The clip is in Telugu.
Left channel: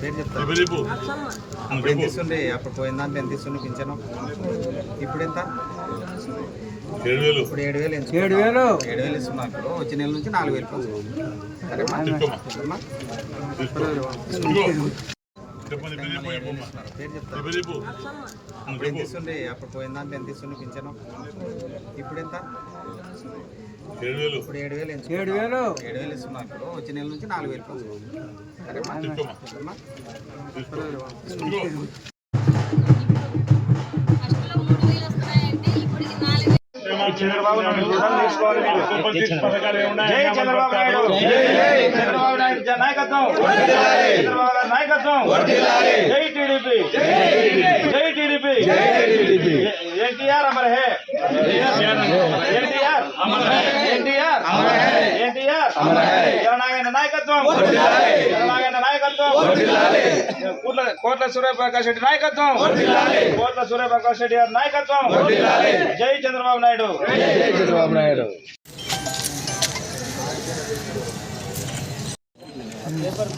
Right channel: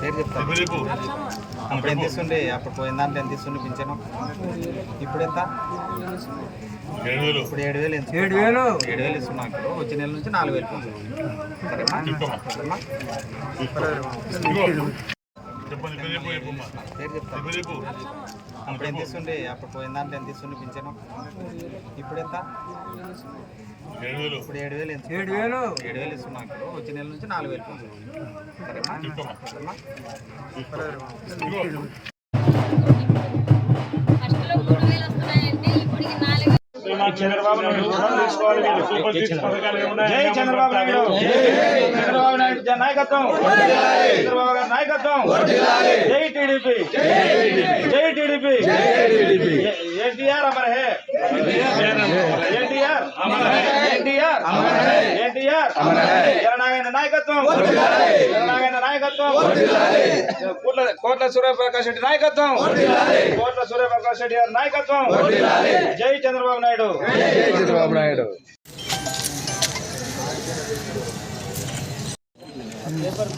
పేరు చెప్తాను. అప్పుడు ఎంత ఇస్తుండే? అప్పుడు పోయిన దాంట్లో ఎంత ఇస్తుండే పింఛను? ఇప్పుడు ఎంత? 7,000. ఇప్పుడు 7,000 ఇస్తున్నాను. వచ్చే నెల నుంచి 4,000. సరేమ్మా? పేరు చెప్తాను. అప్పుడు ఎంత ఇస్తుండే? అప్పుడు పోయిన దాంట్లో ఎంత ఇస్తుండే పింఛను? ఇప్పుడు ఎంత? 7,000. ఇప్పుడు 7,000 ఇస్తున్నాను. వచ్చే నెల నుంచి 4,000. సరేమ్మా? ఫస్ట్లో 3,000 వస్తున్నాయంటే ఇప్పటికి 4,000. చంద్రబాబు నాయుడు నాయకత్వం, చంద్రబాబు గారి నాయకత్వం. జై టీడీపీ, జై టీడీపీ. ఎన్టీఆర్ అమర్ హే, ఎన్టీఆర్ ఎన్టీఆర్ ఎన్టీఆర్. జననాయక నాయకత్వం, జననాయక నాయకత్వం. కోట్ల సూర్యప్రకాష్ రెడ్డి నాయకత్వం, కోట్ల సూర్యప్రకాష్ రెడ్డి గారి నాయకత్వం. జై చంద్రబాబు నాయుడు, జై చంద్రబాబు నాయుడు. పేపర్